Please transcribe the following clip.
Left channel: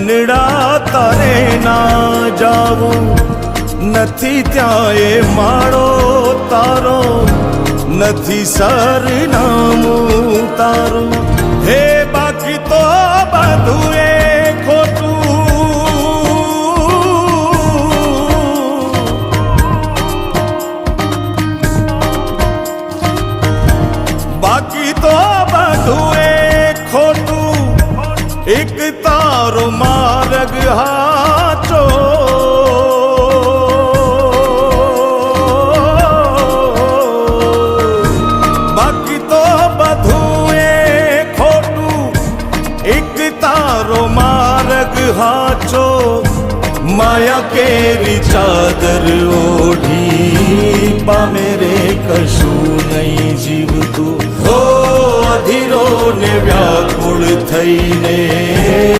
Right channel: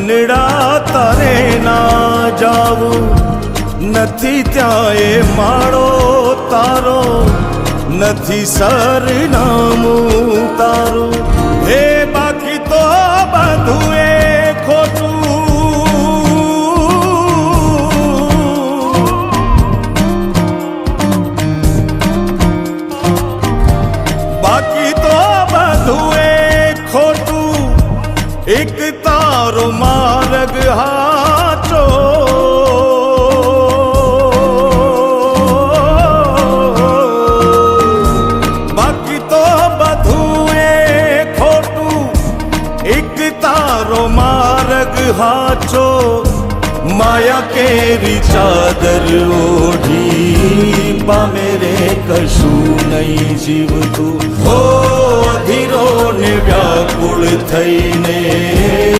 મનડા તારે ના જાવું નથી, ત્યાં એ માળો તારો નથી, સરનામું તારું હે બાકી તો બધું એ એક તારો માર્ગ હાચો, બાકી તો બધું એ ખોટું. એક તારો માર્ગ હાચો, માયા કેરી ચાદર ઓઢી પામે રે કશું નહીં જીવતું. અધીરો ને વ્યાકુળ થઈને